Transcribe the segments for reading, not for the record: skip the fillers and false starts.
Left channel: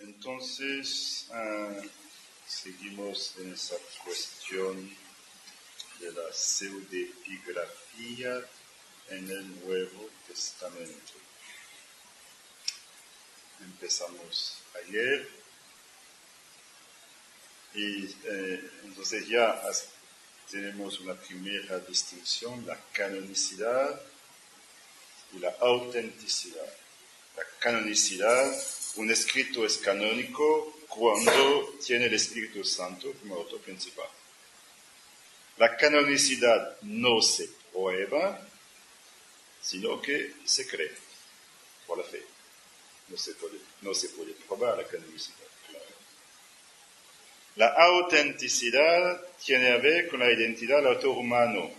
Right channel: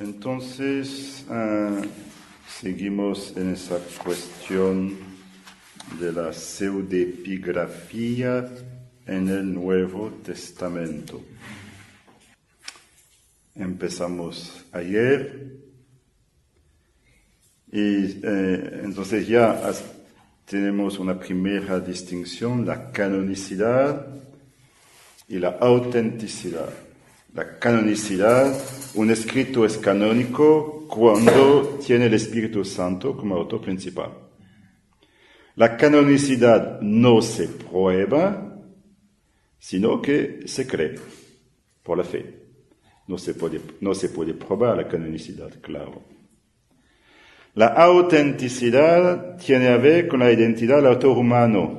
Entonces, seguimos en esa cuestión de la pseudepigrafía en el Nuevo Testamento. Empezamos ayer y entonces ya tenemos una primera distinción, la canonicidad y la autenticidad. La canonicidad, un escrito es canónico cuando tiene el Espíritu Santo como autor principal. La canonicidad no se prueba, sino que se cree por la fe. No se puede probar la canonicidad, claro. La autenticidad tiene a ver con la identidad del autor humano.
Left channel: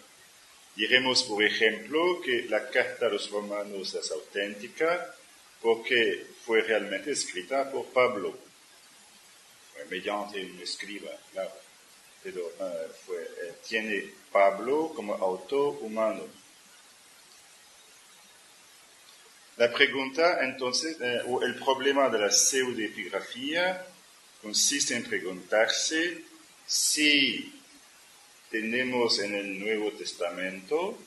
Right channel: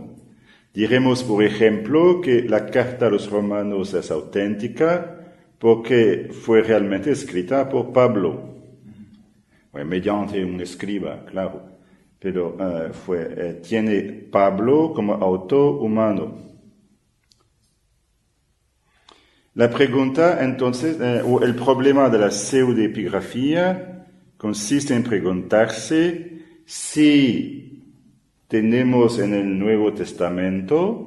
Diremos, por ejemplo, que la carta a los romanos es auténtica porque fue realmente escrita por Pablo, mediante un escriba, claro, pero tiene Pablo como autor humano. La pregunta, entonces, o el problema de la pseudepigrafía consiste en preguntarse si tenemos en el Nuevo Testamento,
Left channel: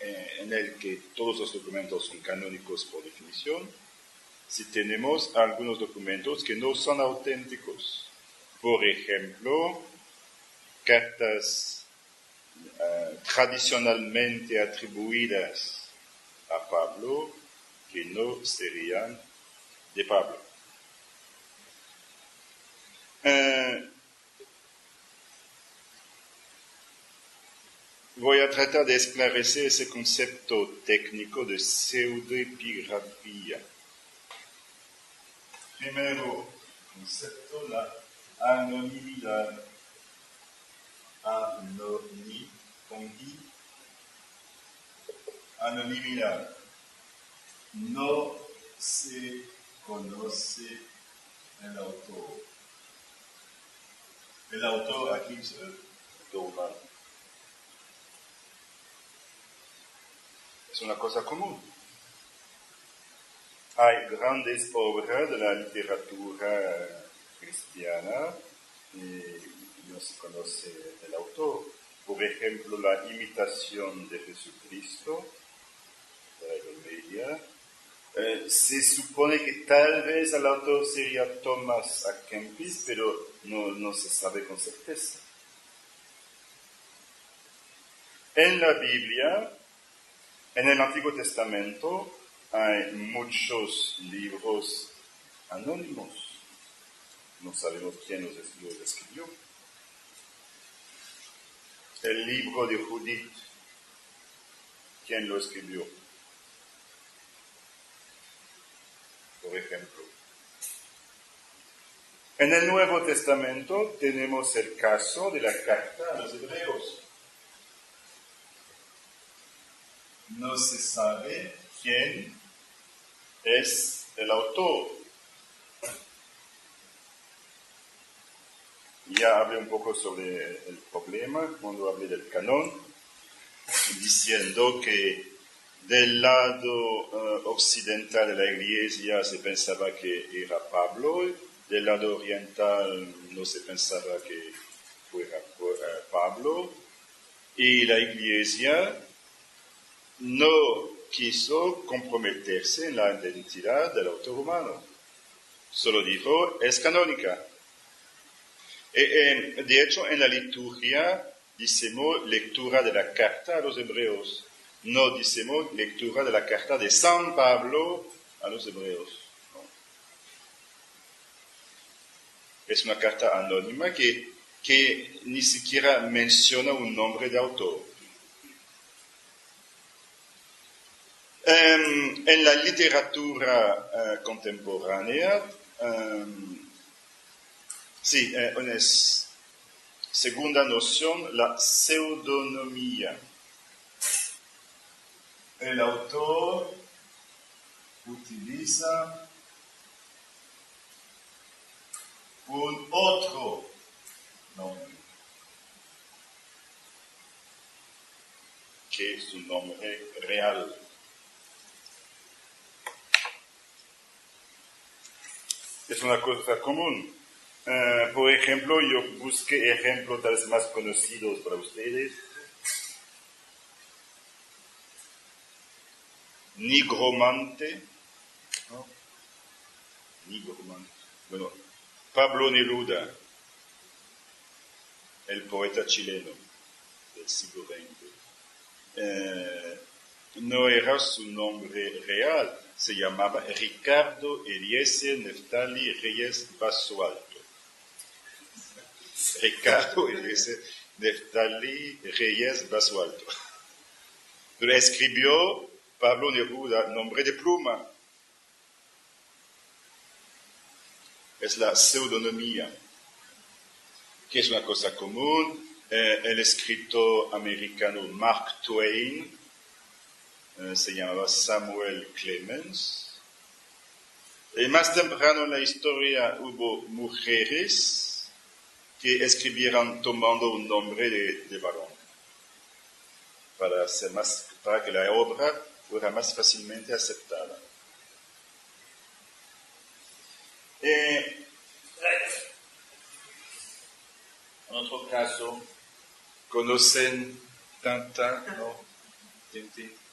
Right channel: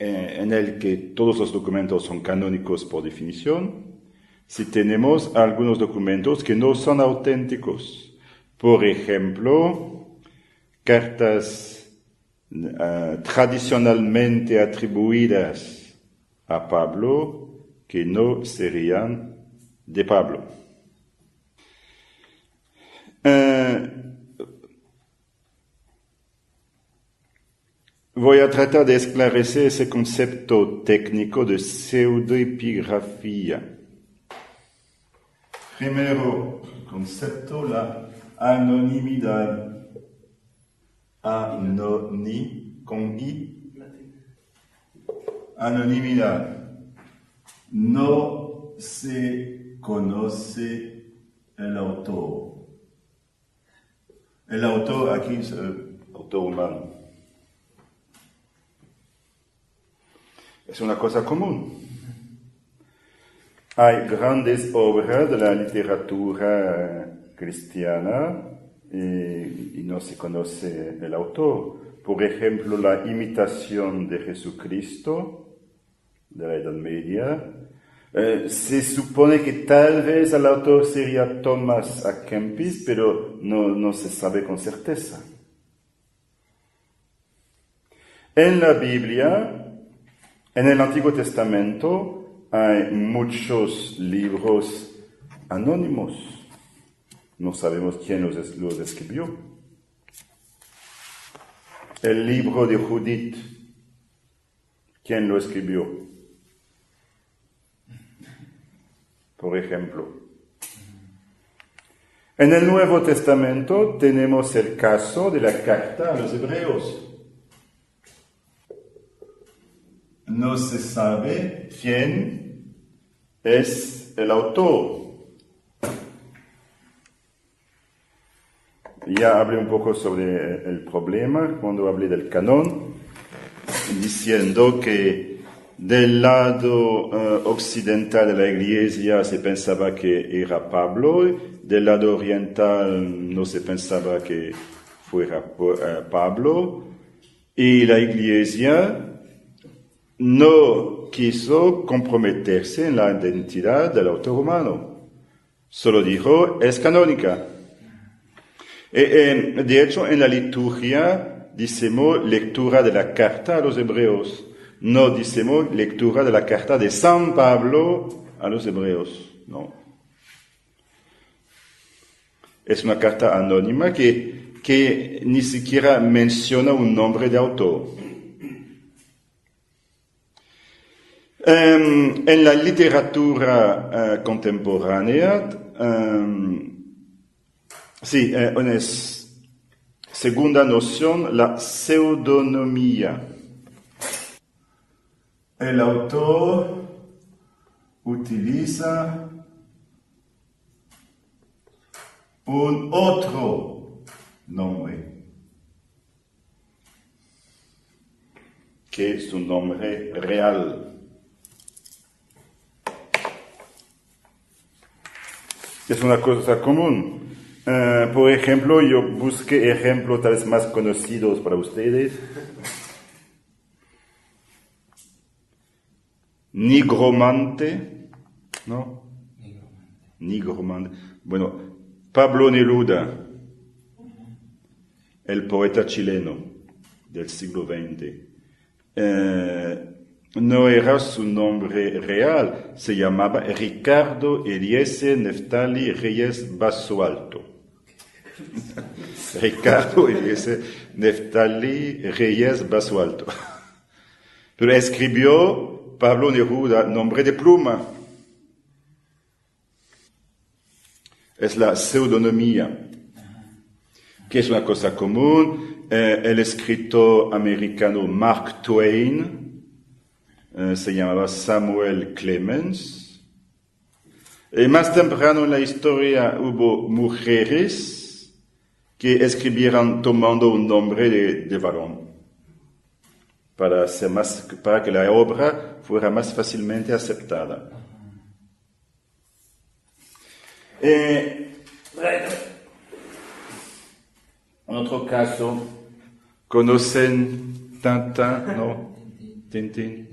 en el que todos los documentos son canónicos por definición, si tenemos algunos documentos que no son auténticos. Por ejemplo, cartas tradicionalmente atribuidas a Pablo que no serían de Pablo. Voy a tratar de esclarecer ese concepto técnico de pseudoepigrafía. Primero concepto, la anonimidad. Con I. Anonimidad. No se conoce el autor. El autor aquí es el autor humano. Es una cosa común. Hay grandes obras de la literatura cristiana y no se conoce el autor. Por ejemplo, la imitación de Jesucristo de la Edad Media. Se supone que tal vez el autor sería Thomas à Kempis, pero no se sabe con certeza. En la Biblia, en el Antiguo Testamento, hay muchos libros anónimos. No sabemos quién los escribió. El libro de Judith, ¿quién lo escribió? Por ejemplo. En el Nuevo Testamento tenemos el caso de la carta a los hebreos. No se sabe quién es el autor. Ya hablé un poco sobre el problema cuando hablé del canon, diciendo que del lado occidental de la Iglesia se pensaba que era Pablo, del lado oriental no se pensaba que fuera Pablo, y la Iglesia no quiso comprometerse en la identidad del autor humano. Solo dijo, es canónica. De hecho, en la liturgia decimos lectura de la carta a los hebreos. No decimos lectura de la carta de San Pablo a los hebreos. No. Es una carta anónima que ni siquiera menciona un nombre de autor. En la literatura contemporánea, una segunda noción, la pseudonimia. El autor utiliza un otro nombre, que es un nombre real. es una cosa común. Por ejemplo, yo busqué ejemplos tal vez más conocidos para ustedes. Nigromante, ¿no? Nigromante. Bueno, Pablo Neruda, el poeta chileno del siglo XX. No era su nombre real, se llamaba Ricardo Eliezer Neftali Reyes Basualto. Ricardo Eliezer Neftali Reyes Basualto. Pero escribió Pablo Neruda, nombre de pluma. Es la pseudonimia, que es una cosa común. El escritor americano Mark Twain se llamaba Samuel Clemens. Más temprano en la historia hubo mujeres que escribieron tomando un nombre de varón para que la obra fuera más fácilmente aceptada. En otro caso, ¿conocen Tintin? ¿No? Tintín.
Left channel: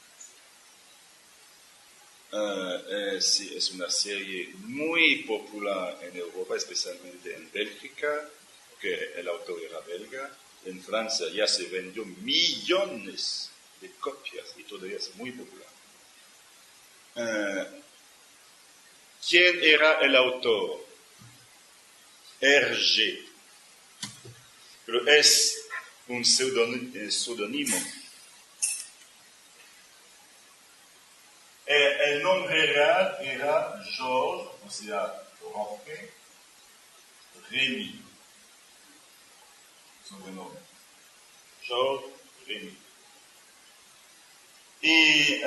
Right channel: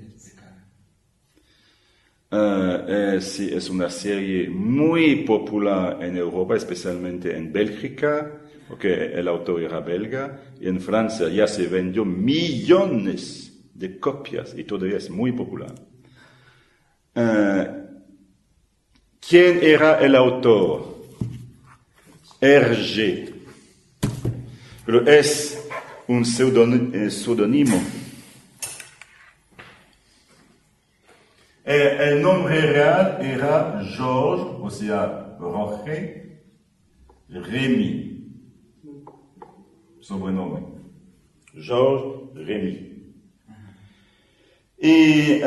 Sí, es una serie muy popular en Europa, especialmente en Bélgica, porque el autor era belga, y en Francia ya se vendió millones de copias y todavía es muy popular. ¿Quién era el autor? Hergé. Pero es un seudónimo. El nombre real era Georges, o sea, Roger Rémy. Sobrenombre. Georges Rémy. Y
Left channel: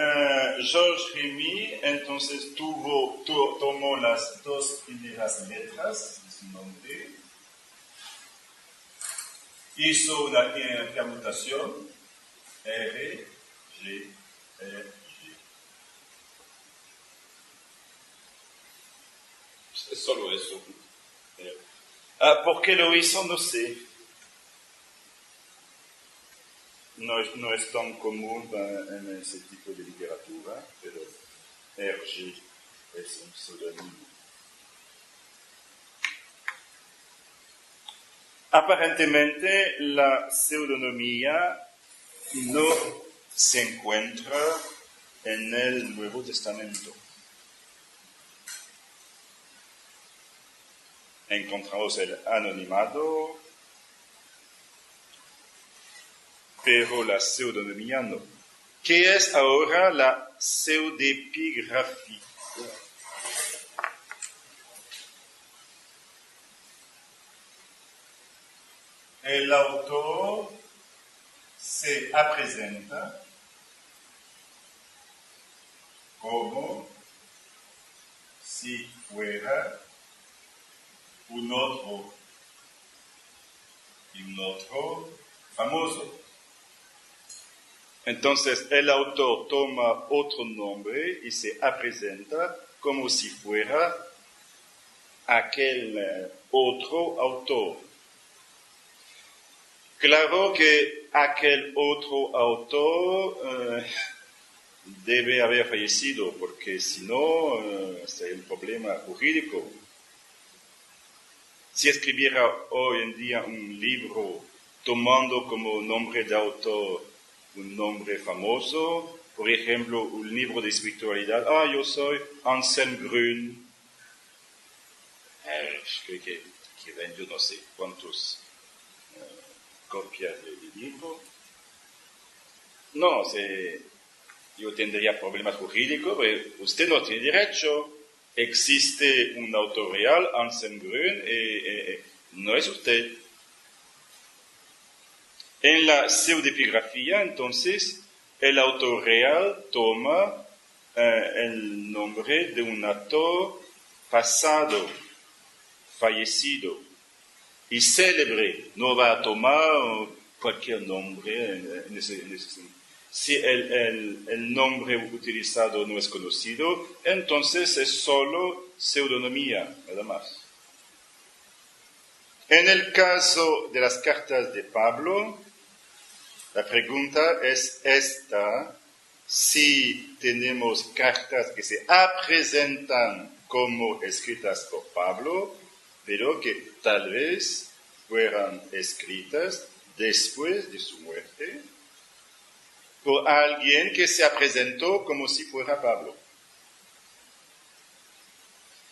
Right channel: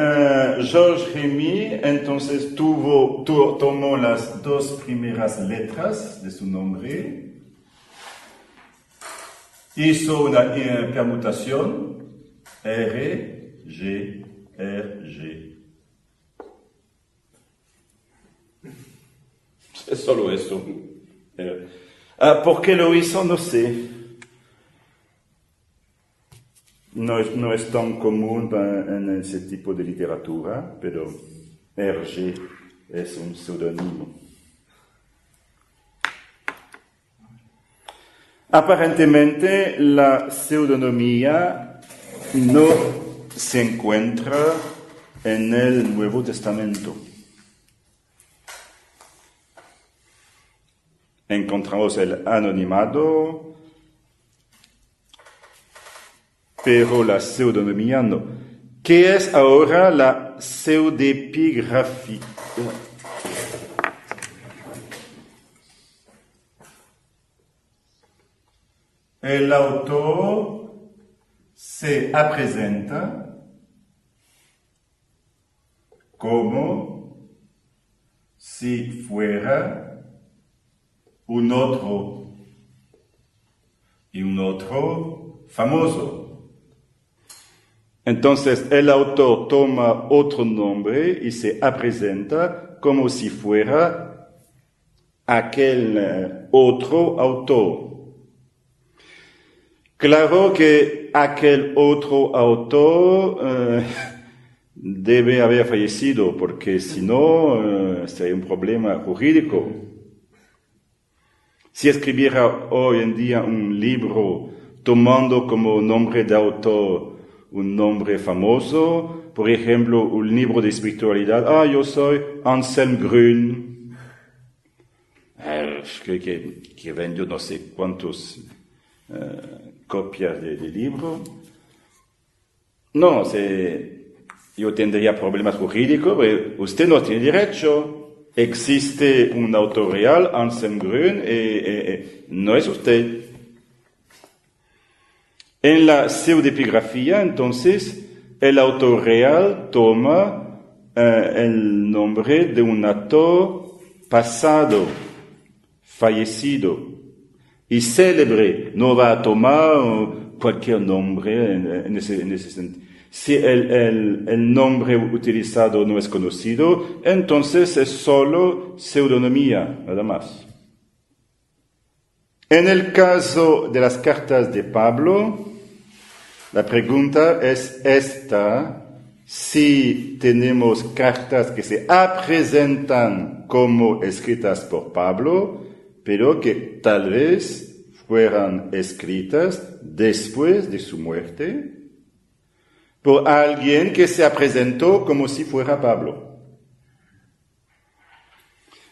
Georges Rémy entonces tomó las dos primeras letras de su nombre, hizo una permutación R, G, R, G. Es solo eso. ¿Por qué lo hizo? No sé. No es tan común en ese tipo de literatura, pero Hergé es un seudónimo. Aparentemente, la pseudonimia no se encuentra en el Nuevo Testamento. Encontramos el anonimato, pero la pseudonimia no. ¿Qué es ahora la pseudepigrafía? El autor se presenta como si fuera un otro y un otro famoso. Entonces el autor toma otro nombre y se presenta como si fuera aquel otro autor. Claro que aquel otro autor debe haber fallecido, porque si no sería un problema jurídico. Si escribiera hoy en día un libro tomando como nombre de autor un nombre famoso, por ejemplo, un libro de espiritualidad, yo soy Anselm Grün, que vendió no sé cuántos copias de libro. No, yo tendría problemas jurídicos, pero usted no tiene derecho. Existe un autor real, Anselm Grün, no es usted. En la pseudepigrafía, entonces, el autor real toma el nombre de un autor pasado, fallecido y célebre. No va a tomar cualquier nombre en ese sentido. Si el nombre utilizado no es conocido, entonces es solo pseudonimia, nada más. En el caso de las cartas de Pablo, la pregunta es esta: si tenemos cartas que se presentan como escritas por Pablo, pero que tal vez fueran escritas después de su muerte por alguien que se presentó como si fuera Pablo.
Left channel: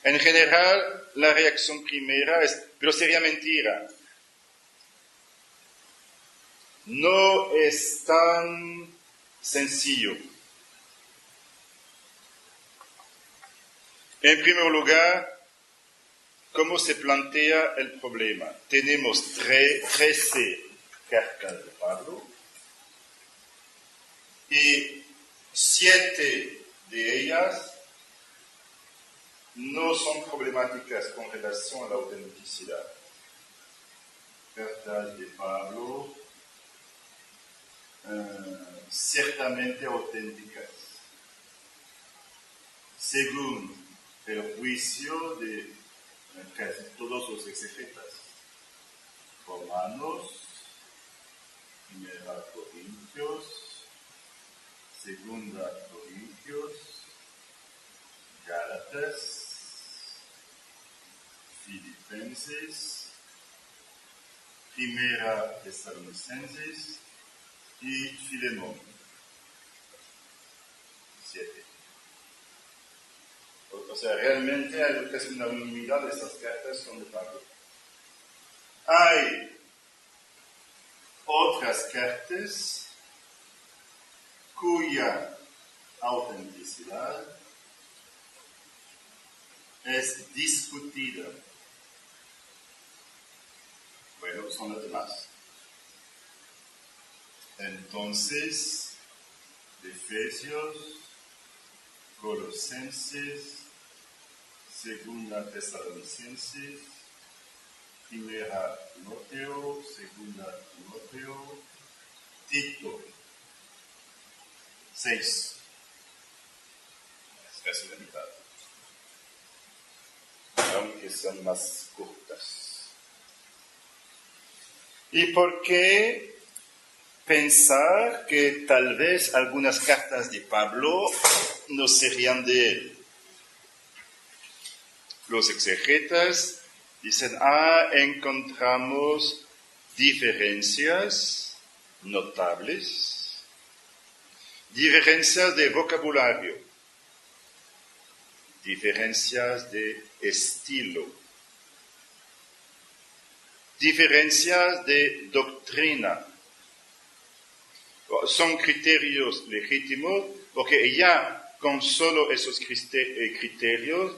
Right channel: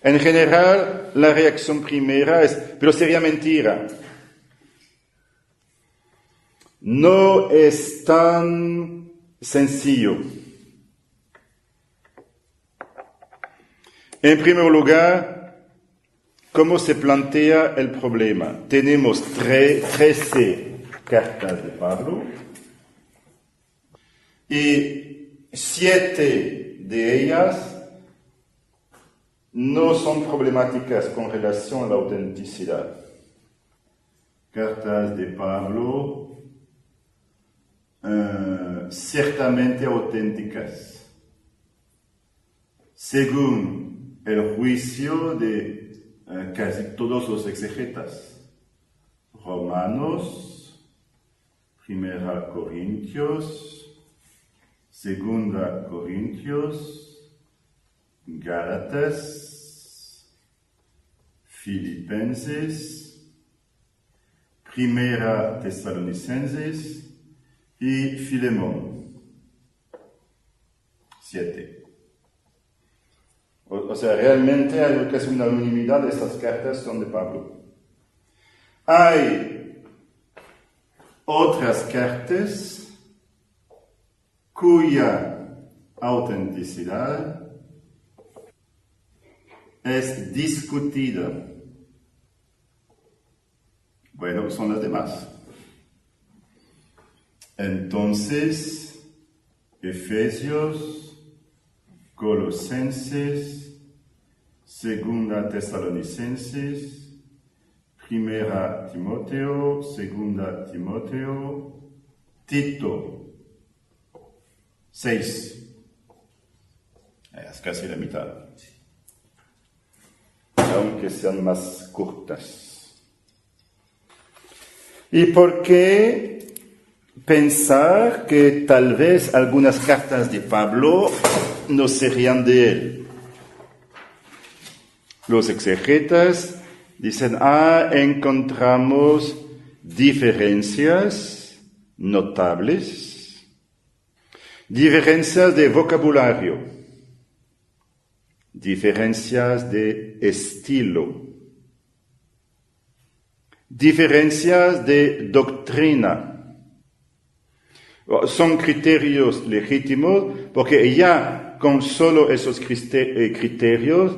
En general, la reacción primera es: pero sería mentira. No es tan sencillo. En primer lugar, ¿cómo se plantea el problema? Tenemos 13 cartas de Pablo y 7 de ellas no son problemáticas con relación a la autenticidad. Cartas de Pablo ciertamente auténticas, según el juicio de casi todos los exegetas. Romanos, Primera Corintios, Segunda Corintios, Gálatas, Filipenses, Primera Tesalonicenses y Filemón. 7. O sea, realmente hay casi una unanimidad de estas cartas son de Pablo. Hay otras cartas cuya autenticidad es discutida. Bueno, son las demás. Entonces, Efesios, Colosenses, Segunda Tesalonicenses, Primera Timoteo, Segunda Timoteo, Tito, 6. Es casi la mitad, aunque sean más cortas. ¿Y por qué pensar que tal vez algunas cartas de Pablo no serían de él? Los exegetas dicen: encontramos diferencias notables, diferencias de vocabulario, diferencias de estilo, diferencias de doctrina. Son criterios legítimos porque ya con solo esos criterios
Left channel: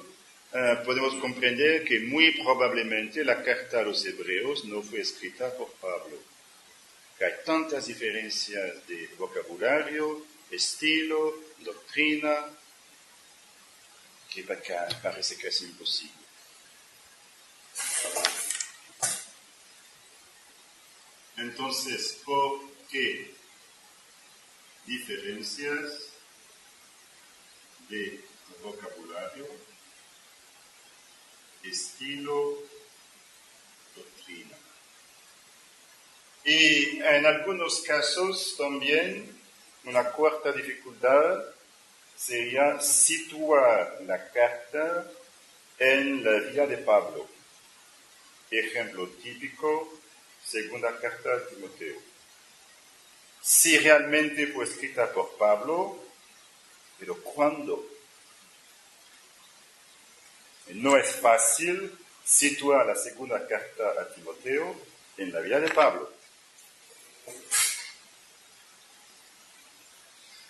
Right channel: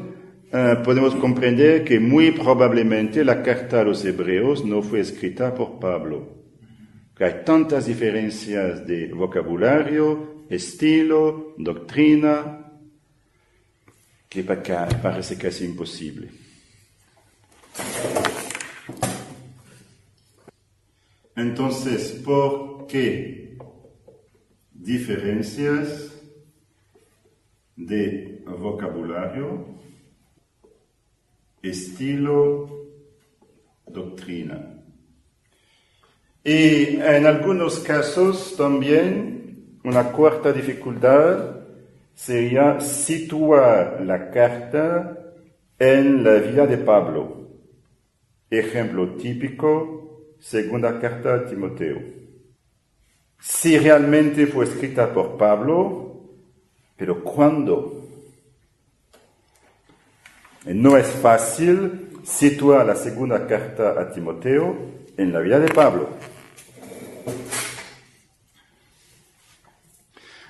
podemos comprender que muy probablemente la carta a los hebreos no fue escrita por Pablo. Que hay tantas diferencias de vocabulario, estilo, doctrina, que parece casi imposible. Entonces, ¿por qué diferencias de vocabulario, estilo, doctrina? Y en algunos casos también una cuarta dificultad sería situar la carta en la vida de Pablo. Ejemplo típico, segunda carta a Timoteo. Si realmente fue escrita por Pablo, pero ¿cuándo? No es fácil situar la segunda carta a Timoteo en la vida de Pablo.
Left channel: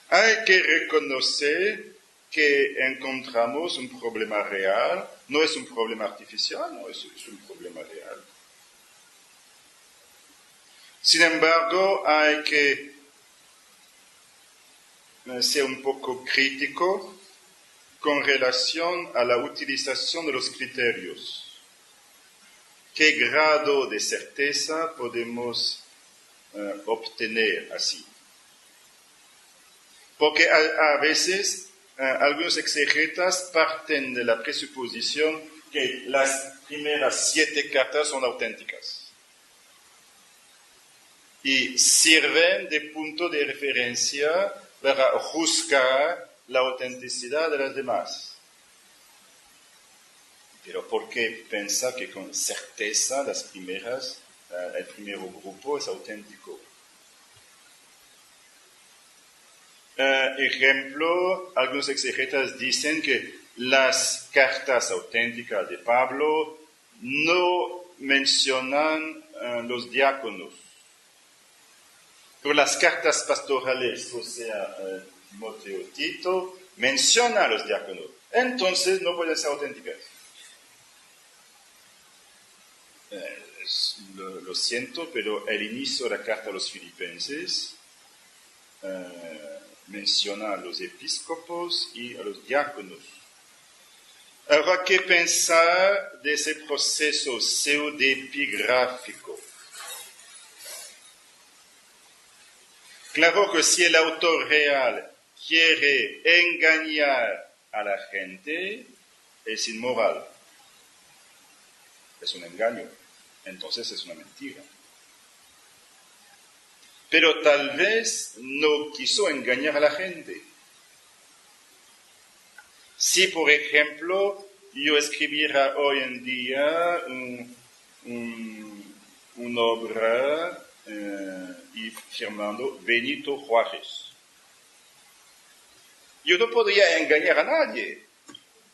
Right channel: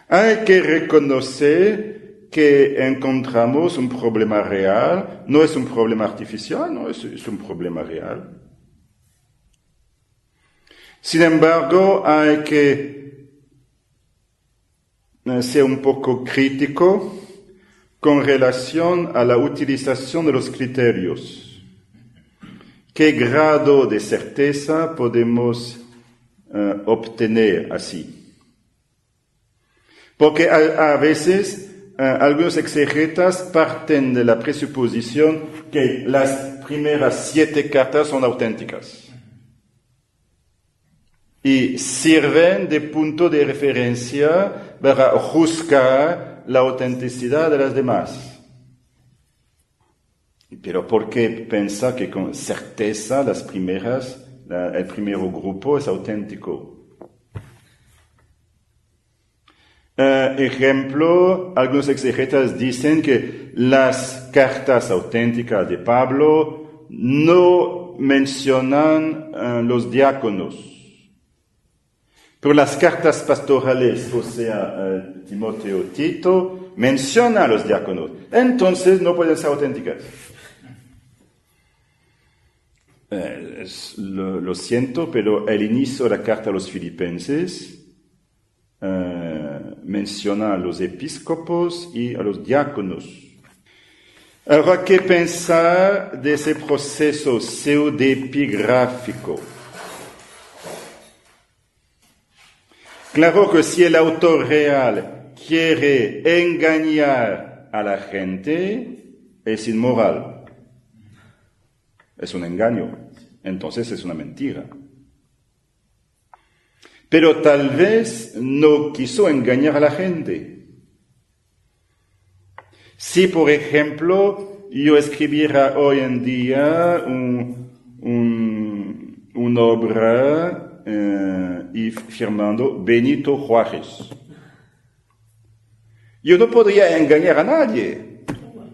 Hay que reconocer que encontramos un problema real, no es un problema artificial, no es un problema real. Sin embargo, hay que ser un poco crítico con relación a la utilización de los criterios. ¿Qué grado de certeza podemos obtener así? Porque a veces algunos exegetas parten de la presuposición que las primeras 7 cartas son auténticas y sirven de punto de referencia para juzgar la autenticidad de las demás. Pero ¿por qué pensar que con certeza el primer grupo es auténtico? Ejemplo, algunos exegetas dicen que las cartas auténticas de Pablo no mencionan los diáconos, pero las cartas pastorales, o sea, Timoteo, Tito, mencionan a los diáconos. Entonces no pueden ser auténticas. Lo siento, pero el inicio de la carta a los filipenses menciona a los episcopos y a los diáconos. Habrá que pensar de ese proceso pseudepigráfico. Claro que si el autor real quiere engañar a la gente, es inmoral. Es un engaño. Entonces es una mentira. Pero tal vez no quiso engañar a la gente. Si, por ejemplo, yo escribiera hoy en día una obra y firmando Benito Juárez, yo no podría engañar a nadie.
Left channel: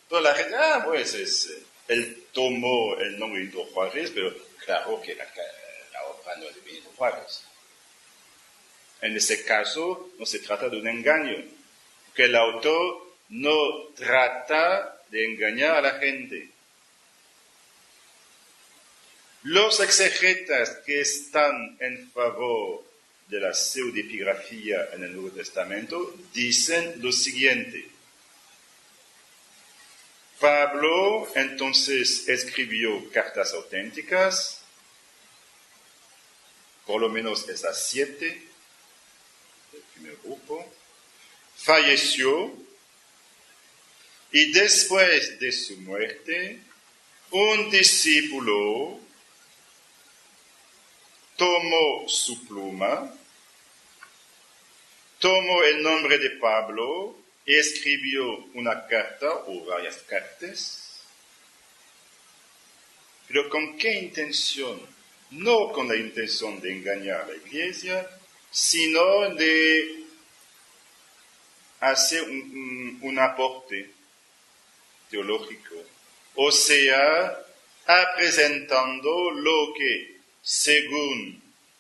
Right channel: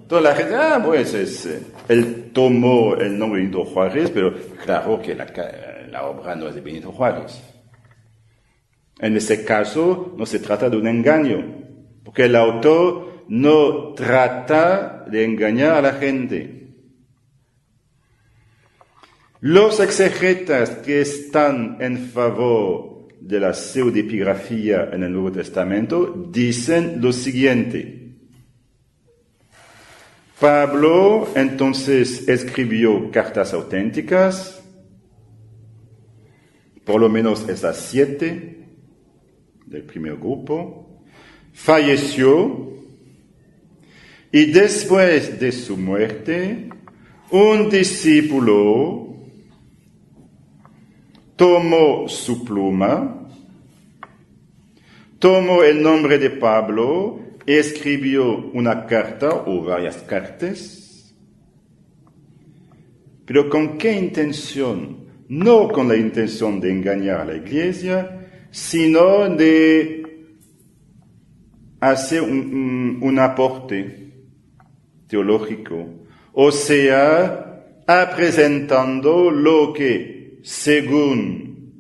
Toda la gente, pues él tomó el nombre de Benito Juárez, pero claro que la obra no es de Benito Juárez. En ese caso, no se trata de un engaño, porque el autor no trata de engañar a la gente. Los exegetas que están en favor de la pseudepigrafía en el Nuevo Testamento dicen lo siguiente. Pablo entonces escribió cartas auténticas, por lo menos esas 7 del primer grupo, falleció y después de su muerte, un discípulo tomó su pluma, tomó el nombre de Pablo, escribió una carta o varias cartas, pero ¿con qué intención? No con la intención de engañar a la iglesia, sino de hacer un aporte teológico, o sea, presentando lo que, según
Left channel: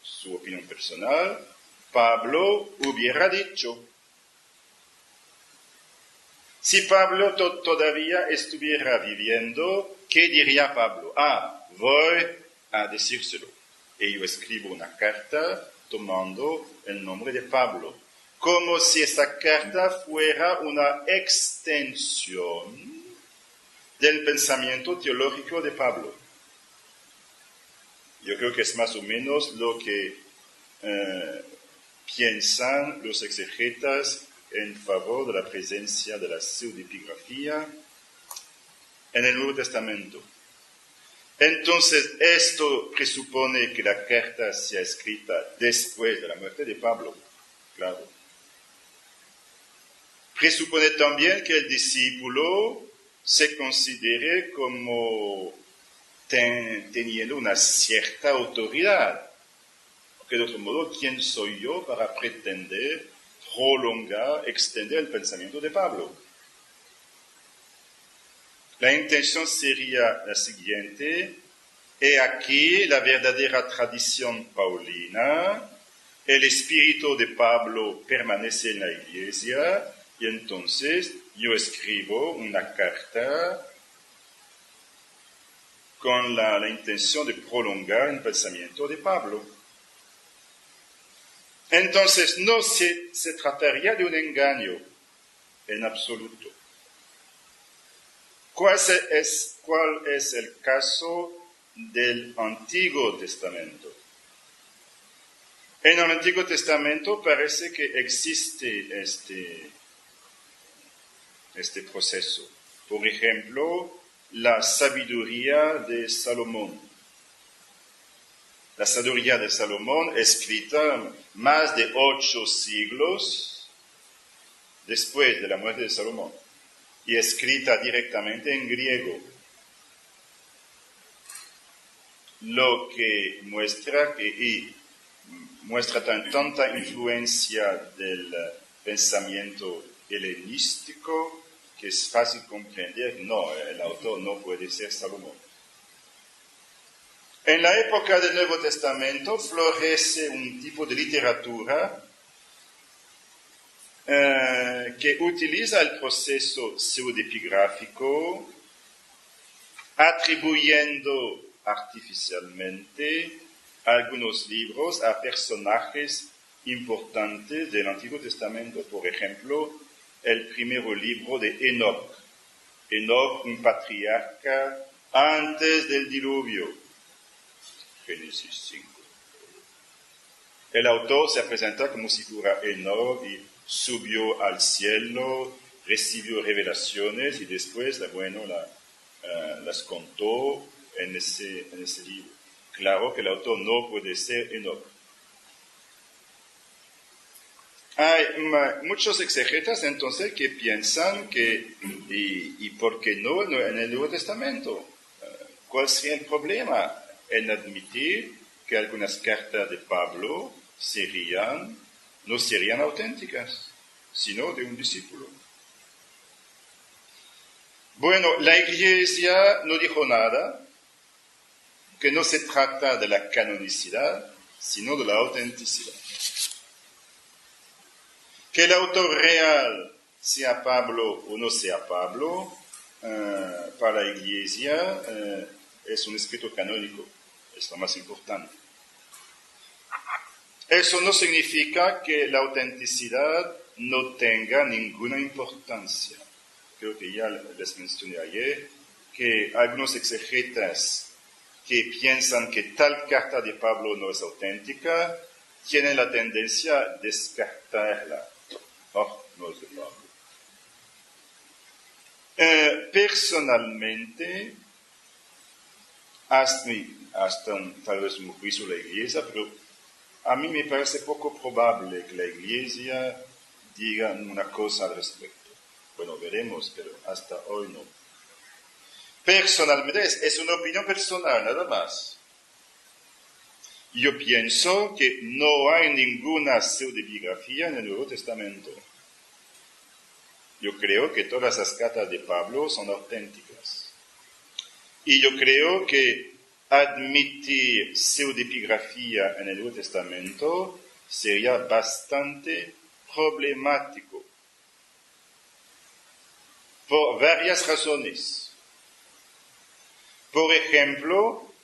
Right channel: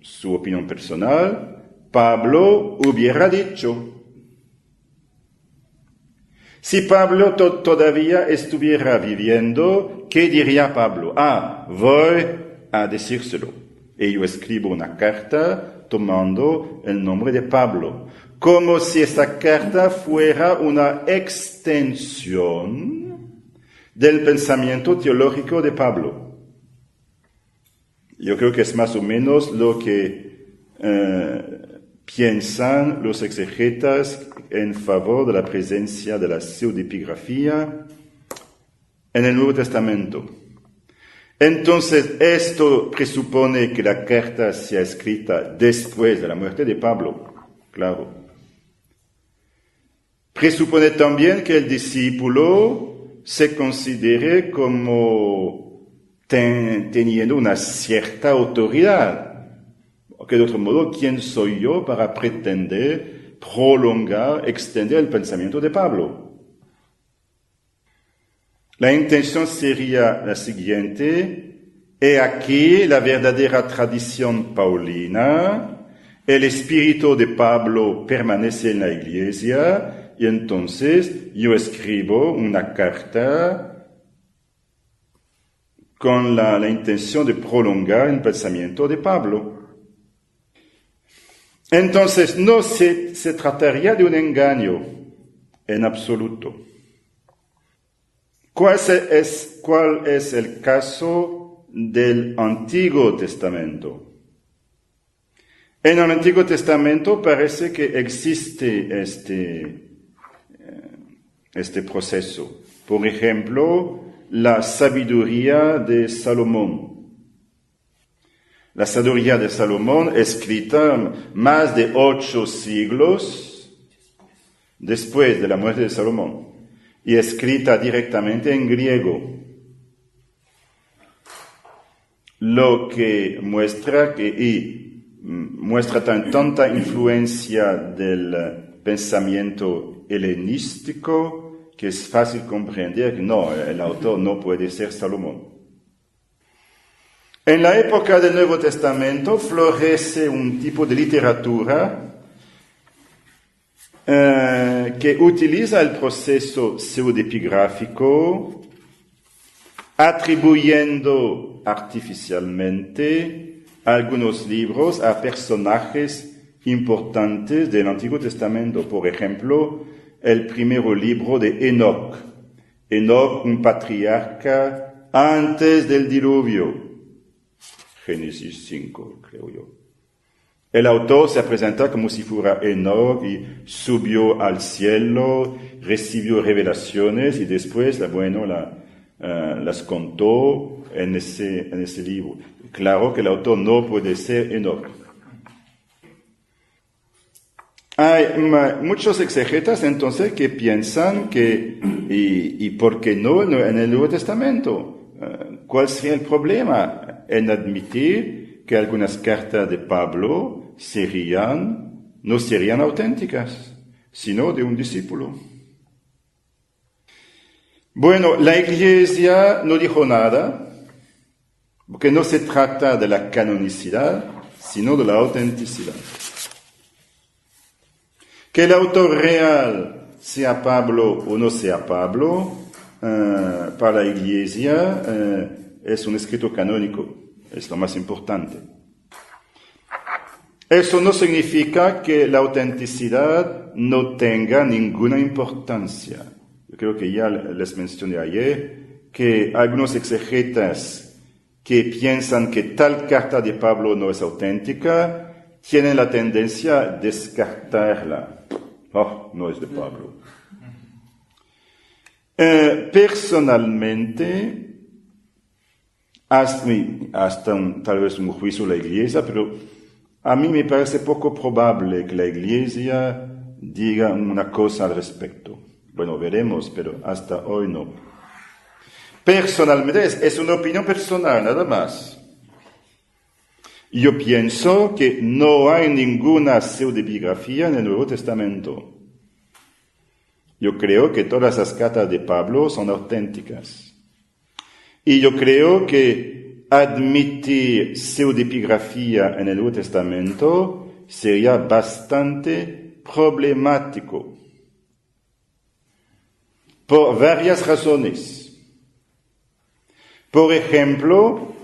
su opinión personal, Pablo hubiera dicho. Si Pablo todavía estuviera viviendo, ¿qué diría Pablo? Voy a decírselo. Y yo escribo una carta tomando el nombre de Pablo, como si esa carta fuera una extensión del pensamiento teológico de Pablo. Yo creo que es más o menos lo que piensan los exegetas en favor de la presencia de la pseudepigrafía en el Nuevo Testamento. Entonces, esto presupone que la carta sea escrita después de la muerte de Pablo, claro. Presupone también que el discípulo se considere como teniendo una cierta autoridad. Porque de otro modo, ¿quién soy yo para pretender prolongar, extender el pensamiento de Pablo? La intención sería la siguiente: he aquí la verdadera tradición paulina, el espíritu de Pablo permanece en la iglesia, y entonces yo escribo una carta con la intención de prolongar el pensamiento de Pablo. Entonces no se trataría de un engaño en absoluto. ¿Cuál es el caso del Antiguo Testamento? En el Antiguo Testamento parece que existe este proceso. Por ejemplo, la sabiduría de Salomón. La sabiduría de Salomón, escrita más de 8 siglos después de la muerte de Salomón, y escrita directamente en griego, lo que muestra muestra tanta influencia del pensamiento helenístico que es fácil comprender que no, el autor no puede ser Salomón. En la época del Nuevo Testamento florece un tipo de literatura que utiliza el proceso pseudepigráfico, atribuyendo artificialmente algunos libros a personajes importantes del Antiguo Testamento. Por ejemplo, el primer libro de Enoc. Enoc, un patriarca antes del diluvio. Génesis 5, creo yo. El autor se presenta como si fuera Enoc y subió al cielo, recibió revelaciones y después, las contó en ese libro. Claro que el autor no puede ser Enoc. Hay muchos exegetas entonces que piensan que, y por qué no en el Nuevo Testamento, ¿cuál sería el problema en admitir que algunas cartas de Pablo no serían auténticas, sino de un discípulo? Bueno, la Iglesia no dijo nada, porque no se trata de la canonicidad, sino de la autenticidad. Que el autor real sea Pablo o no sea Pablo, para la Iglesia es un escrito canónico, es lo más importante. Eso no significa que la autenticidad no tenga ninguna importancia. Yo creo que ya les mencioné ayer que algunos exegetas que piensan que tal carta de Pablo no es auténtica, tienen la tendencia a descartarla. Oh, no es de Pablo. Personalmente, hasta tal vez un juicio de la Iglesia, pero a mí me parece poco probable que la Iglesia diga una cosa al respecto. Bueno, veremos, pero hasta hoy no. Personalmente, es una opinión personal, nada más. Yo pienso que no hay ninguna pseudebiografía en el Nuevo Testamento. Yo creo que todas las cartas de Pablo son auténticas. Y yo creo que admitir pseudepigrafía en el Nuevo Testamento sería bastante problemático por varias razones. Por ejemplo,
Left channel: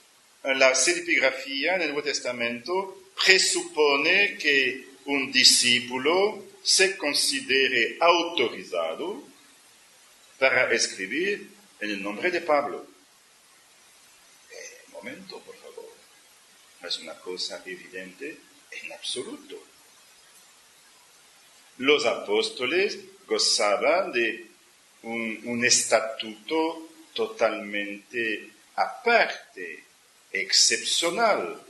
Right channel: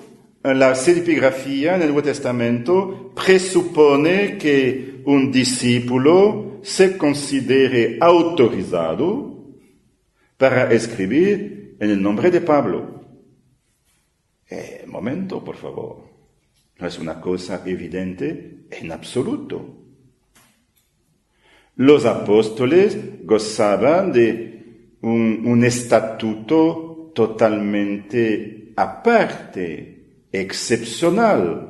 la pseudepigrafía en el Nuevo Testamento presupone que un discípulo se considere autorizado para escribir en el nombre de Pablo. Momento, por favor. No es una cosa evidente en absoluto. Los apóstoles gozaban de un estatuto totalmente aparte, excepcional.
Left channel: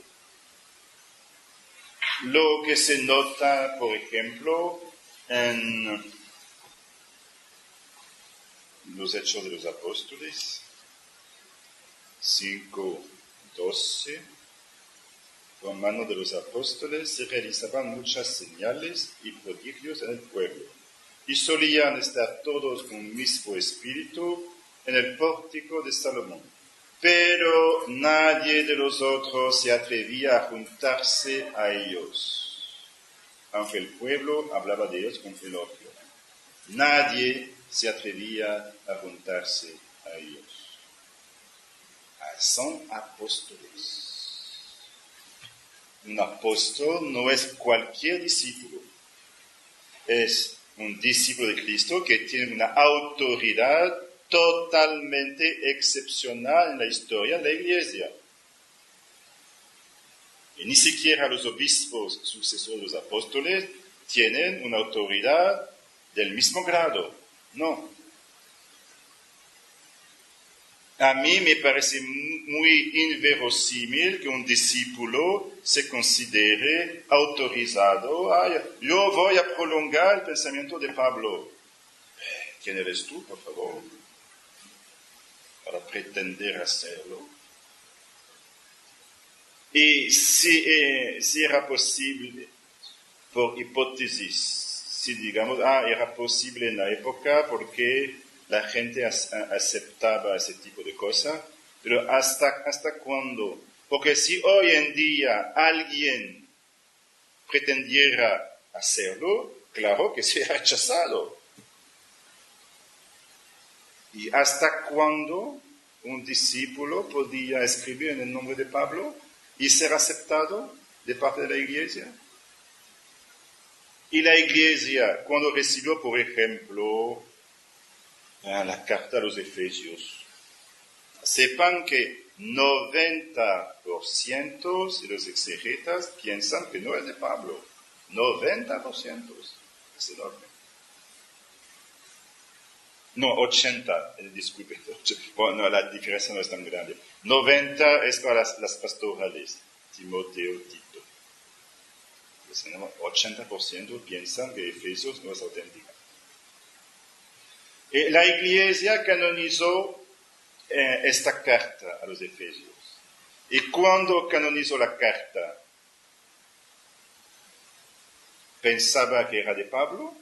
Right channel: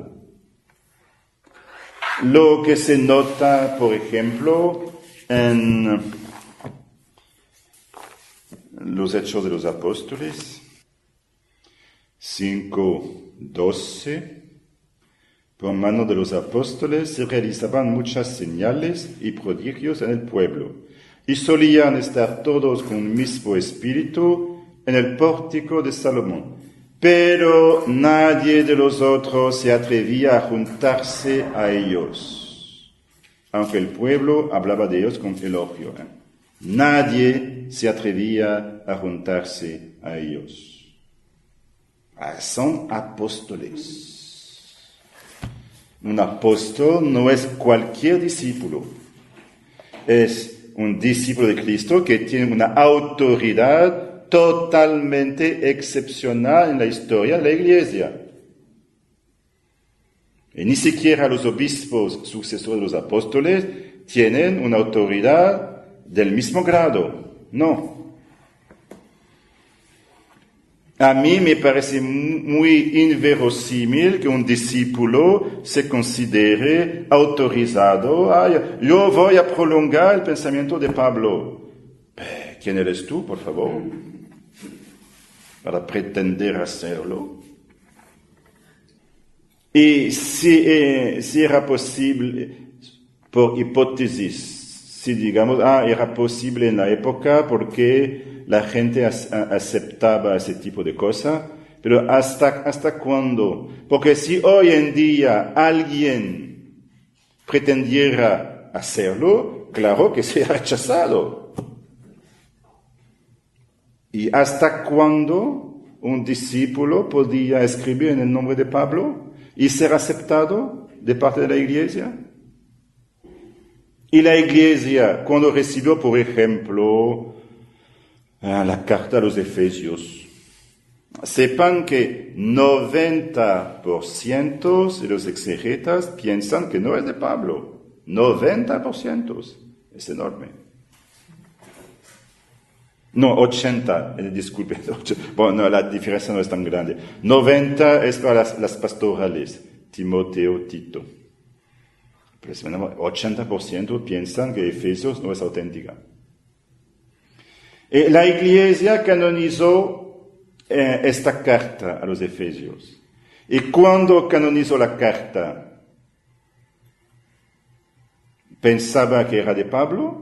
Lo que se nota, por ejemplo, en los Hechos de los Apóstoles, 5:12, por mano de los apóstoles se realizaban muchas señales y prodigios en el pueblo, y solían estar todos con un mismo espíritu en el pórtico de Salomón. Pero nadie de los otros se atrevía a juntarse a ellos, aunque el pueblo hablaba de ellos con elogio. Nadie se atrevía a juntarse a ellos. Son apóstoles. Un apóstol no es cualquier discípulo. Es un discípulo de Cristo que tiene una autoridad totalmente excepcional en la historia de la Iglesia. Y ni siquiera los obispos sucesores de los apóstoles tienen una autoridad del mismo grado. No. A mí me parece muy inverosímil que un discípulo se considere autorizado. Yo voy a prolongar el pensamiento de Pablo. ¿Quién eres tú, por favor, para pretender hacerlo? Y si era posible, por hipótesis, si digamos, era posible en la época porque la gente aceptaba ese tipo de cosas, pero ¿hasta cuándo? Porque si hoy en día alguien pretendiera hacerlo, claro que sería rechazado. ¿Y hasta cuándo un discípulo podía escribir en el nombre de Pablo y ser aceptado de parte de la Iglesia? Y la Iglesia, cuando recibió, por ejemplo, la carta a los Efesios, sepan que 90% de los exegetas piensan que no es de Pablo. 90%. Es enorme. No, 80, disculpe. Bueno, no, la diferencia no es tan grande. 90 es para las pastorales, Timoteo, Tito. Pues, 80% piensan que Efesios no es auténtica. La Iglesia canonizó esta carta a los Efesios. ¿Y cuando canonizó la carta? ¿Pensaba que era de Pablo?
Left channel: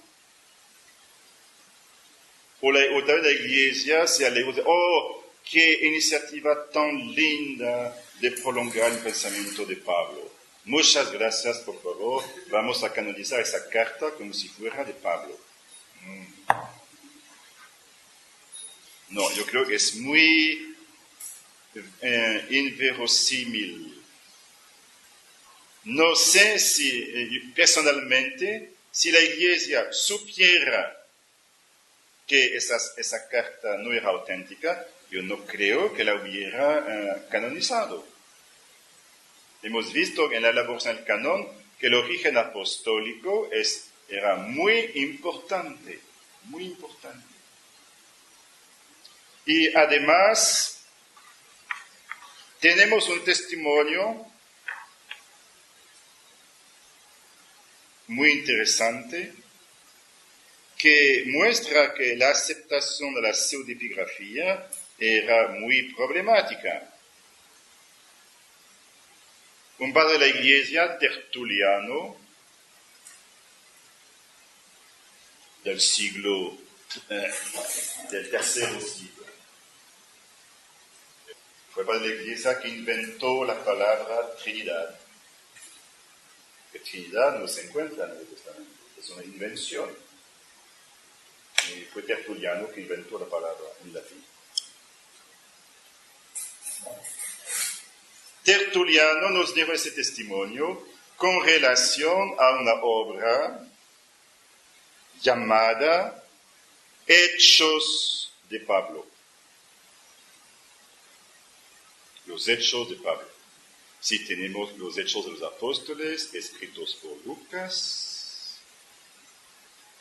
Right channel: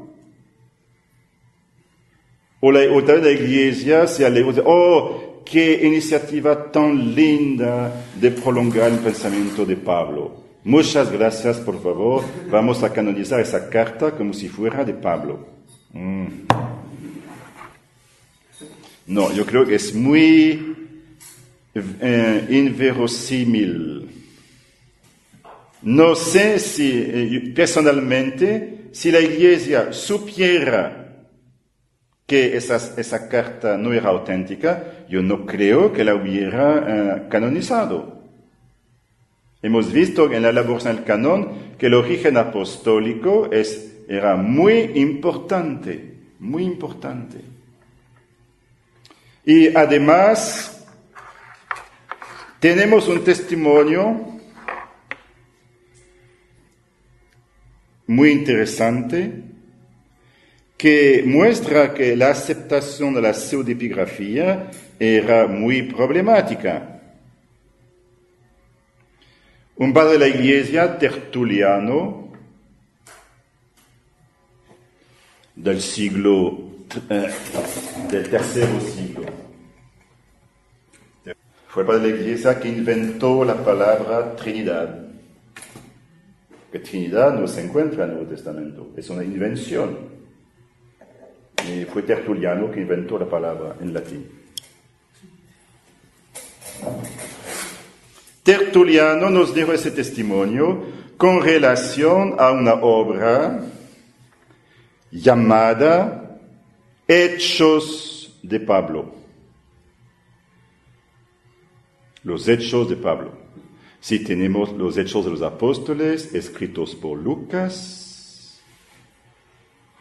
O tal vez la Iglesia se alegró, qué iniciativa tan linda de prolongar el pensamiento de Pablo. Muchas gracias, por favor. Vamos a canonizar esa carta como si fuera de Pablo. No, yo creo que es muy inverosímil. No sé si, personalmente, si la Iglesia supiera que esa carta no era auténtica, yo no creo que la hubiera canonizado. Hemos visto en la elaboración del canon que el origen apostólico era muy importante, muy importante. Y además, tenemos un testimonio muy interesante que muestra que la aceptación de la pseudepigrafía era muy problemática. Un padre de la Iglesia, Tertuliano, del tercero siglo, fue el padre de la Iglesia que inventó la palabra Trinidad. Que Trinidad no se encuentra en el Nuevo Testamento, es una invención. Y fue Tertuliano que inventó la palabra en latín. Tertuliano nos dio ese testimonio con relación a una obra llamada Hechos de Pablo. Los Hechos de Pablo. Si tenemos los Hechos de los Apóstoles escritos por Lucas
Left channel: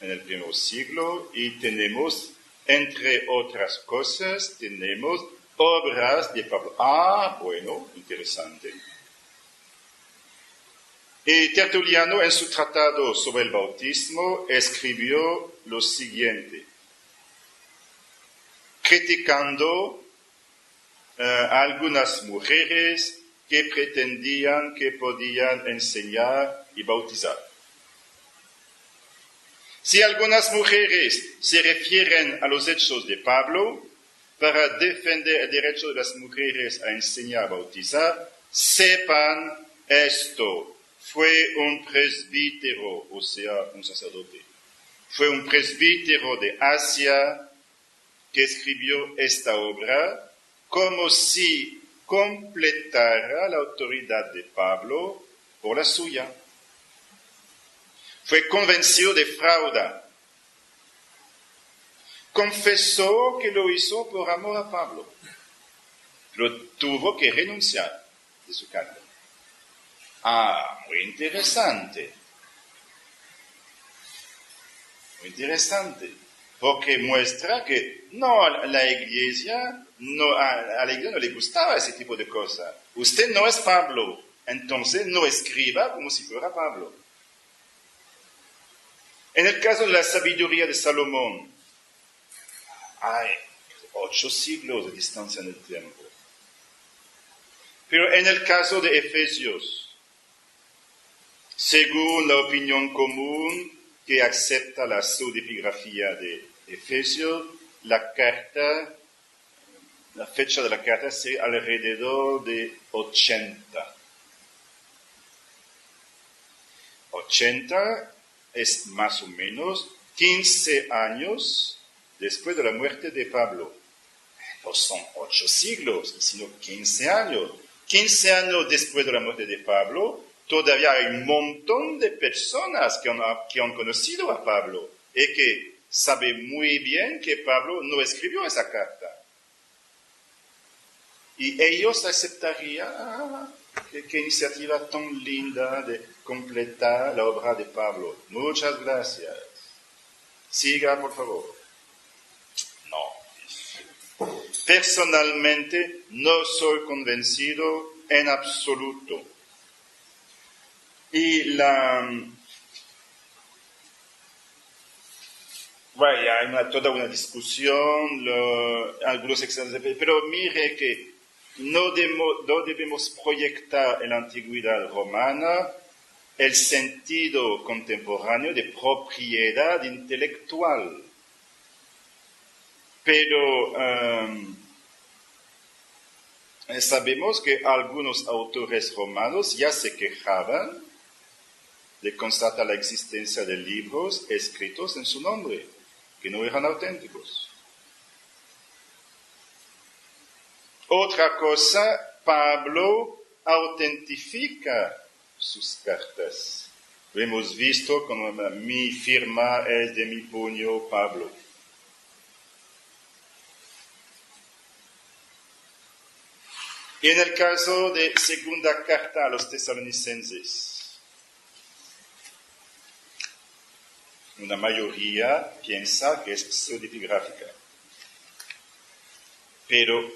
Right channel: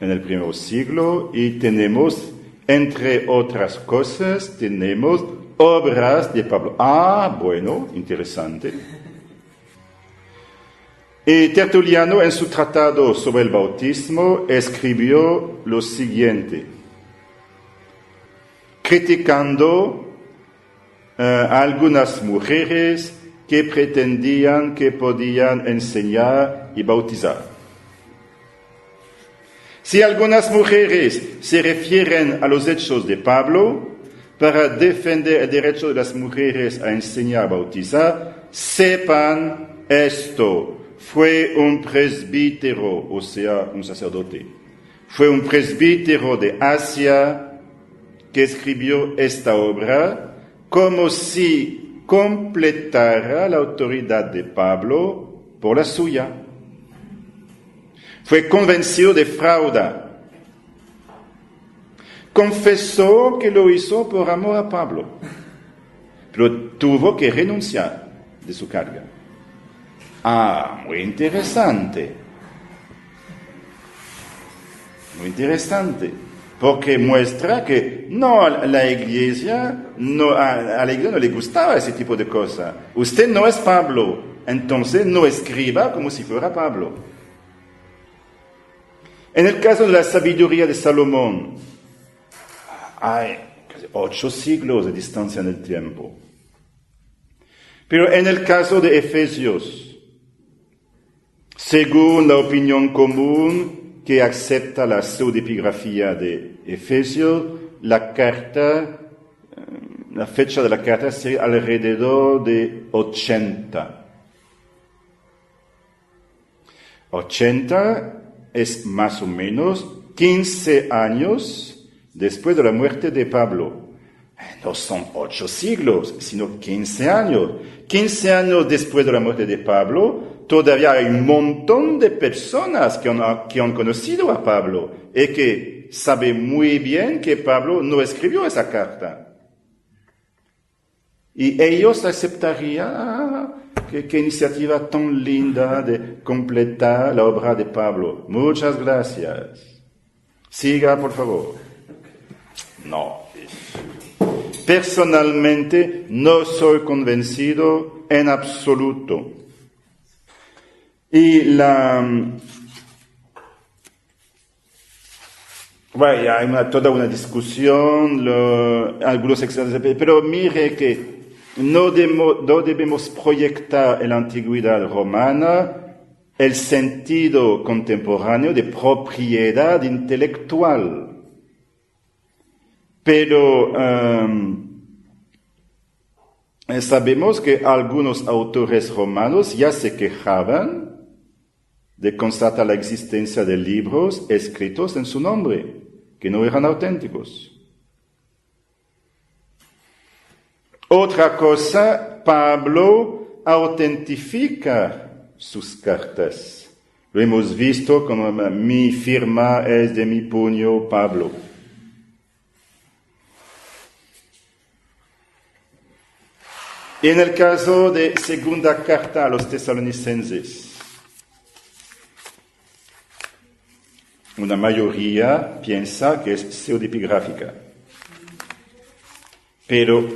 en el primer siglo, y tenemos, entre otras cosas, tenemos obras de Pablo. Bueno, interesante. Y Tertuliano, en su tratado sobre el bautismo, escribió lo siguiente, criticando a algunas mujeres que pretendían que podían enseñar y bautizar. Si algunas mujeres se refieren a los hechos de Pablo para defender el derecho de las mujeres a enseñar y bautizar, sepan esto. Fue un presbítero, o sea, un sacerdote. Fue un presbítero de Asia que escribió esta obra como si completara la autoridad de Pablo por la suya. Fue convencido de fraude. Confesó que lo hizo por amor a Pablo, pero tuvo que renunciar de su carga. Ah, muy interesante. Muy interesante. Porque muestra que no, a la iglesia no le gustaba ese tipo de cosas. Usted no es Pablo, entonces no escriba como si fuera Pablo. En el caso de la sabiduría de Salomón, hay casi 8 siglos de distancia en el tiempo. Pero en el caso de Efesios, según la opinión común que acepta la pseudepigrafía de Efesios, la fecha de la carta sería alrededor de 80. 80 es más o menos 15 años después de la muerte de Pablo. No son 8 siglos, sino 15 años. 15 años después de la muerte de Pablo, todavía hay un montón de personas que han conocido a Pablo y que saben muy bien que Pablo no escribió esa carta. Y ellos aceptarían, qué iniciativa tan linda de completar la obra de Pablo. Muchas gracias. Siga, por favor. No. Personalmente no soy convencido en absoluto. Y hay toda una discusión, algunos expertos, pero mire que no debemos proyectar en la antigüedad romana el sentido contemporáneo de propiedad intelectual. Pero sabemos que algunos autores romanos ya se quejaban de constatar la existencia de libros escritos en su nombre, que no eran auténticos. Otra cosa, Pablo autentifica sus cartas. Lo hemos visto como mi firma es de mi puño, Pablo. Y en el caso de segunda carta a los tesalonicenses, una mayoría piensa que es pseudepigráfica. Pero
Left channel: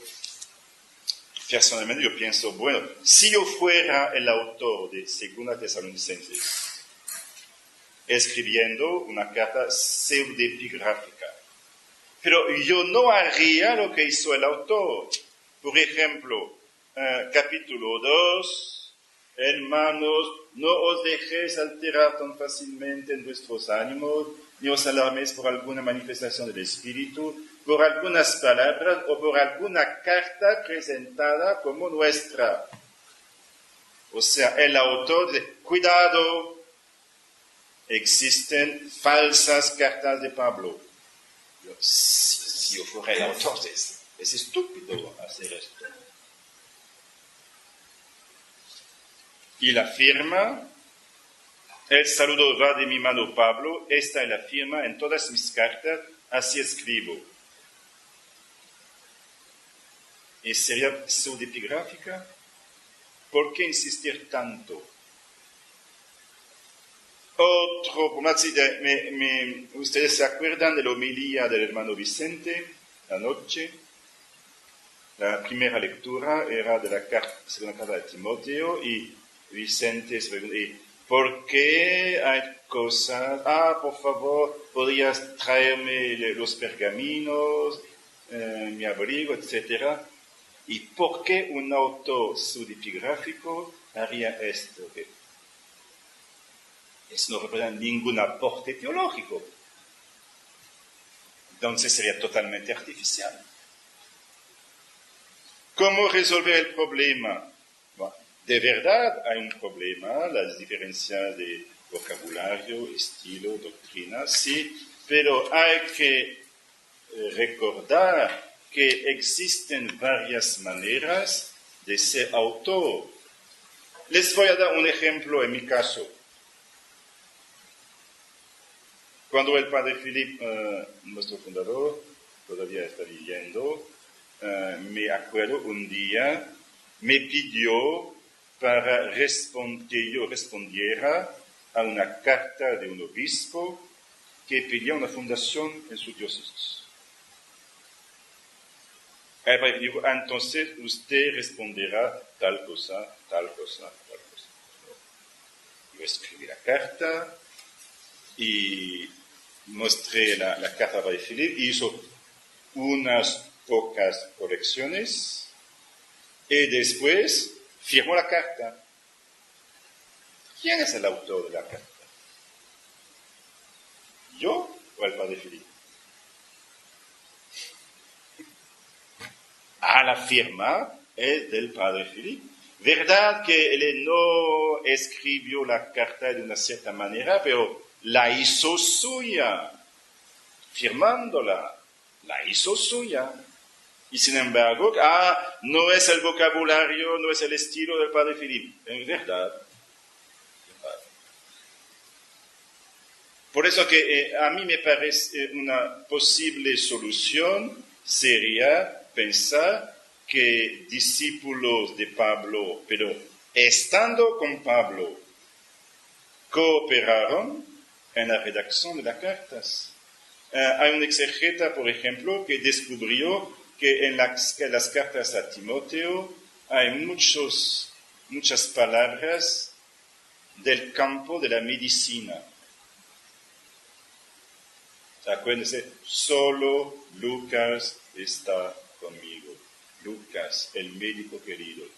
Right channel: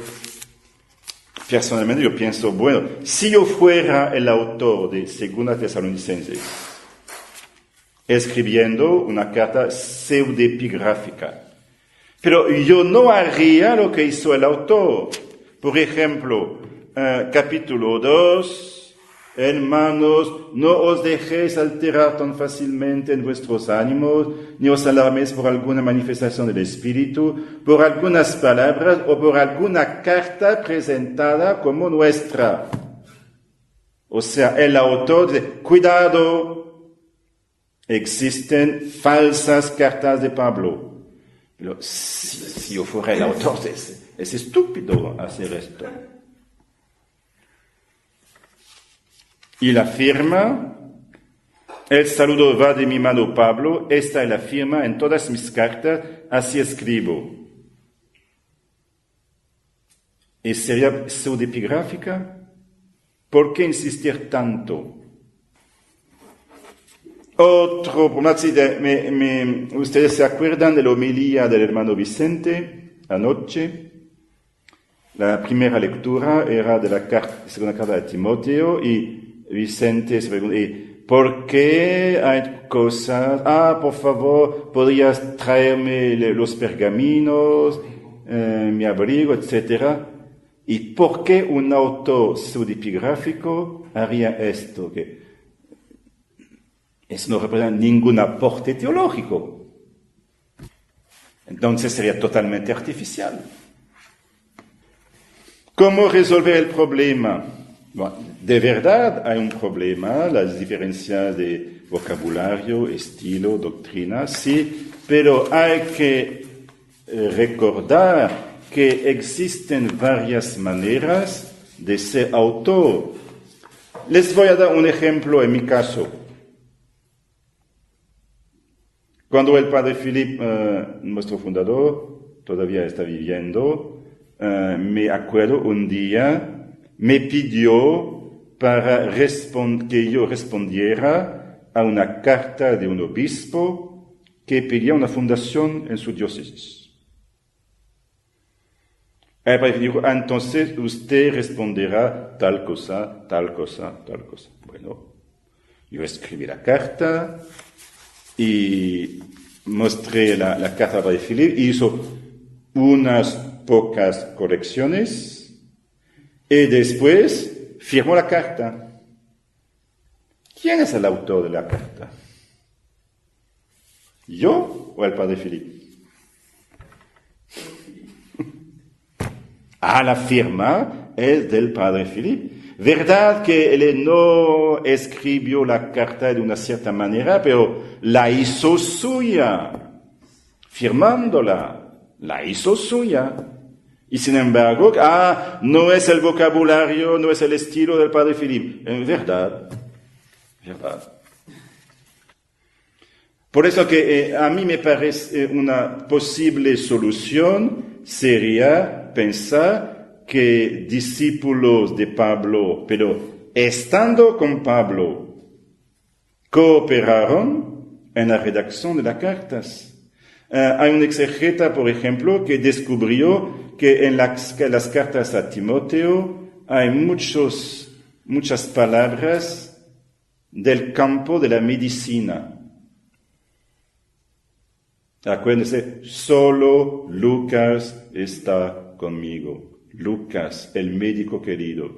personalmente yo pienso, bueno, si yo fuera el autor de segunda tesalonicenses, escribiendo una carta pseudepigráfica, pero yo no haría lo que hizo el autor. Por ejemplo, capítulo 2, hermanos, no os dejéis alterar tan fácilmente en vuestros ánimos, ni os alarméis por alguna manifestación del Espíritu, por algunas palabras o por alguna carta presentada como nuestra. O sea, el autor dice, cuidado, existen falsas cartas de Pablo. Pero si yo fuera el autor, es estúpido hacer esto. Y la firma, el saludo va de mi mano Pablo, esta es la firma en todas mis cartas, así escribo. ¿Y sería pseudepigráfica? ¿Por qué insistir tanto? Otro, ustedes se acuerdan de la homilía del hermano Vicente anoche. La primera lectura era de la segunda carta de Timoteo y Vicente se pregunta, ¿por qué hay cosas? Por favor, ¿podrías traerme los pergaminos, mi abrigo, etcétera? ¿Y por qué un autor pseudepigráfico haría esto? Que eso no representa ningún aporte teológico. Entonces sería totalmente artificial. ¿Cómo resolver el problema? Bueno, de verdad hay un problema, las diferencias de vocabulario, estilo, doctrina, sí, pero hay que recordar que existen varias maneras de ser autor. Les voy a dar un ejemplo en mi caso. Cuando el padre Philip, nuestro fundador, todavía está viviendo, me acuerdo un día, me pidió para que yo respondiera a una carta de un obispo que pedía una fundación en su diócesis. El padre dijo, entonces usted responderá tal cosa, tal cosa, tal cosa. Bueno, yo escribí la carta y mostré la carta al padre Philippe, hizo unas pocas correcciones y después firmó la carta. ¿Quién es el autor de la carta? ¿Yo o el padre Philippe? La firma es del padre Philippe. Verdad que él no escribió la carta de una cierta manera, pero la hizo suya, firmándola, la hizo suya. Y sin embargo, no es el vocabulario, no es el estilo del padre Philippe. En verdad. Por eso que a mí me parece una posible solución sería pensar que discípulos de Pablo, pero estando con Pablo, cooperaron en la redacción de las cartas. Hay un exegeta, por ejemplo, que descubrió que en las cartas a Timoteo hay muchas palabras del campo de la medicina. Acuérdense, solo Lucas está conmigo. Lucas, el médico querido.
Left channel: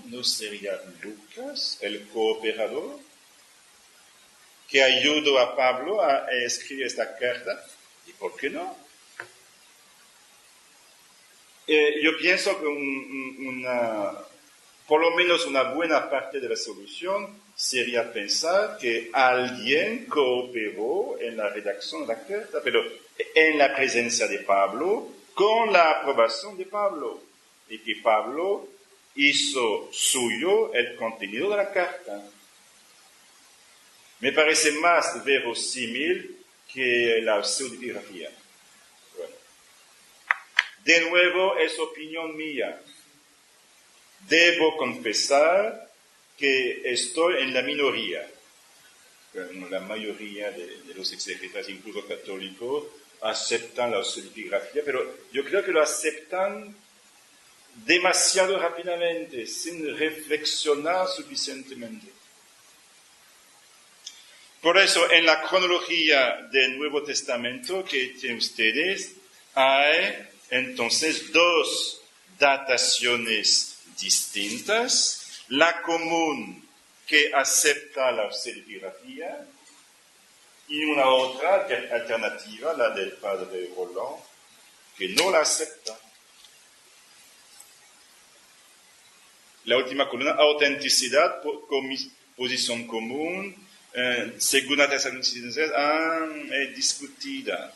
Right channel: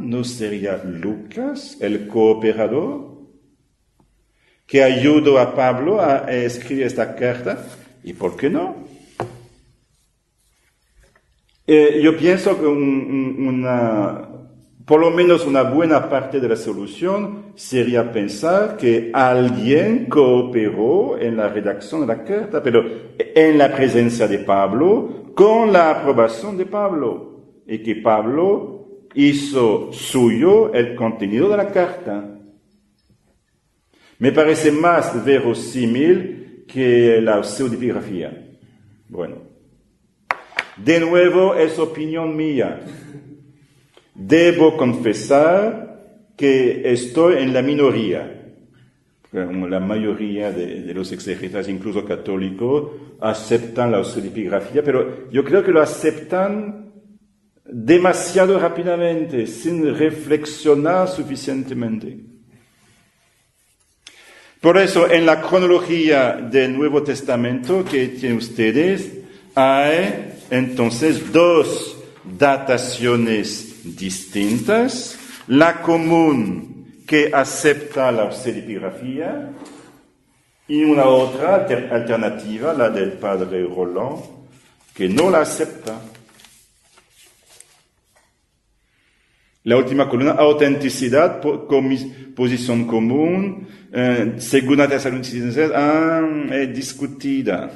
¿No sería Lucas el cooperador que ayudó a Pablo a escribir esta carta? ¿Y por qué no? Yo pienso que por lo menos una buena parte de la solución sería pensar que alguien cooperó en la redacción de la carta, pero en la presencia de Pablo, con la aprobación de Pablo, y que Pablo hizo suyo el contenido de la carta. Me parece más verosímil que la pseudepigrafía. Bueno, de nuevo es opinión mía. Debo confesar que estoy en la minoría. La mayoría de los exegetas, incluso católicos, aceptan la pseudepigrafía, pero yo creo que lo aceptan demasiado rápidamente, sin reflexionar suficientemente. Por eso, en la cronología del Nuevo Testamento que tienen ustedes, hay entonces dos dataciones distintas, la común que acepta la pseudepigrafía y una otra alternativa, la del padre Roland, que no la acepta. La última columna, autenticidad, posición común, segunda Tesalonicenses, es discutida.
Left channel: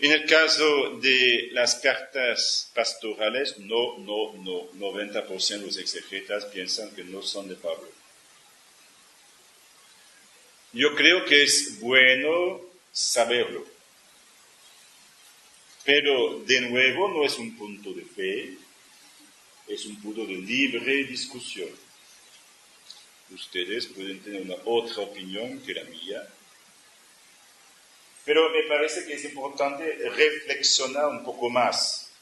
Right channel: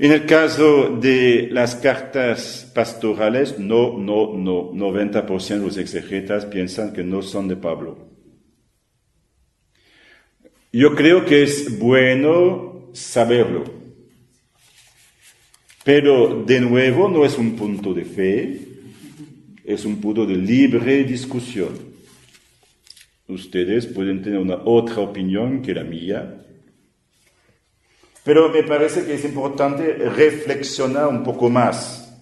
En el caso de las cartas pastorales, no, 90% de los exegetas piensan que no son de Pablo. Yo creo que es bueno saberlo, pero de nuevo no es un punto de fe, es un punto de libre discusión. Ustedes pueden tener una otra opinión que la mía, pero me parece que es importante reflexionar un poco más,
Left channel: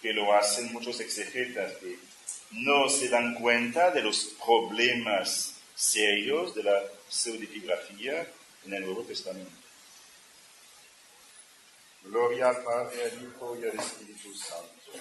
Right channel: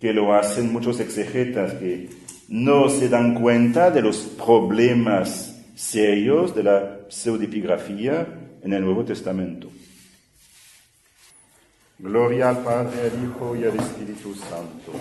que lo hacen muchos exegetas que no se dan cuenta de los problemas serios de la pseudepigrafía en el Nuevo Testamento. Gloria al Padre, al Hijo y al Espíritu Santo.